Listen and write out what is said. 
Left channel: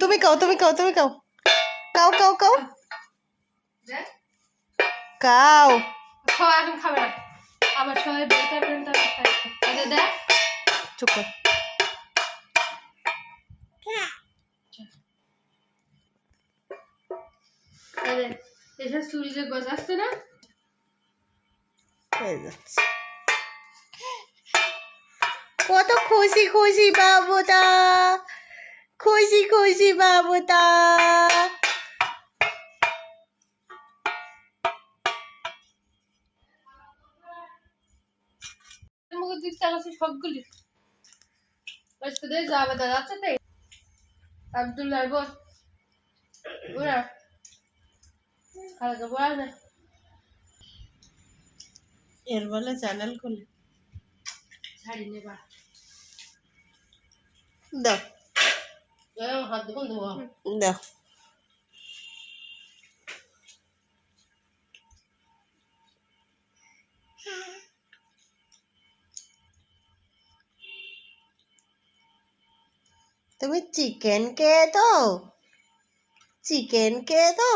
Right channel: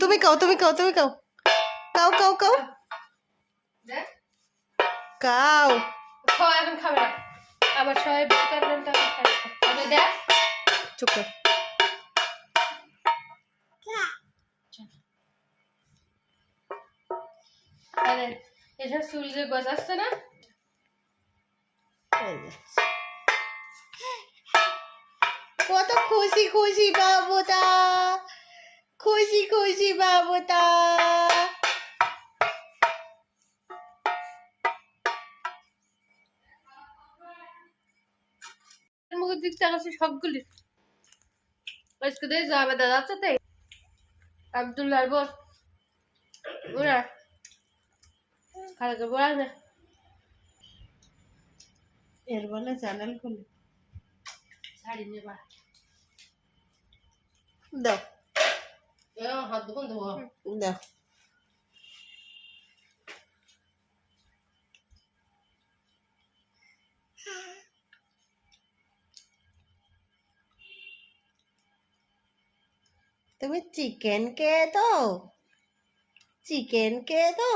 তুমি কাও তুমি কাও তুমি কাও কাও কাও কাও কাও এখন খাবে না। আবার সবাই দেখ। চুপ কর। না? কত খুশি খুশি বাবুটা খুশি খুশি বাবুটা মুখের দিক চালাচ্ছে সবগুলি আজকে দিয়ে যাবে দাদা আছে তাই আবদুল্লার বল ওরা খালাকে বলা না এর বলে চ্যানেল খুলে শাড়ি নেবা দাও হাত দেখুন ধোয়া দেখ তুমি চিকেন খেয়ে তো চিকেন খেয়ে তো